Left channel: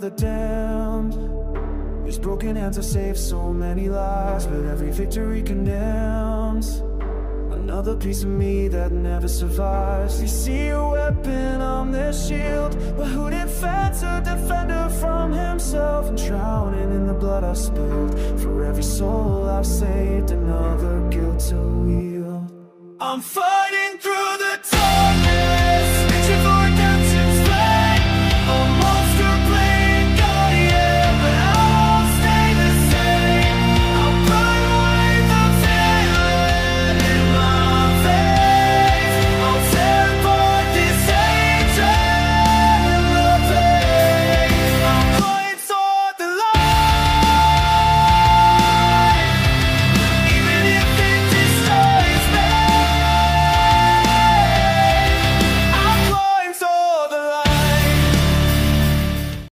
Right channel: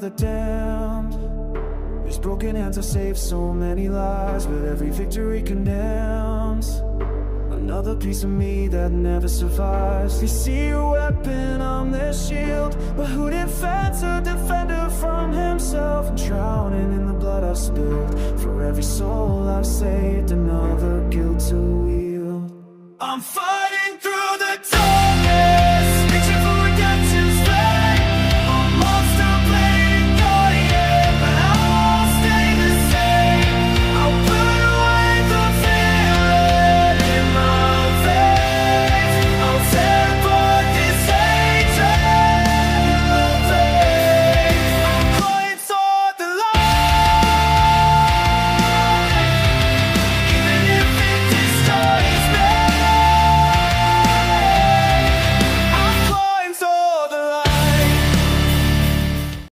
the damned. His broken hands have saved so many lives, but every victory condemns another piece of me that never survives. You see a weapon on their shield, but who defends a defender from himself? And drowning in the blood I've spilled, for every soul I've saved, another guilt to wield. I'm fighting through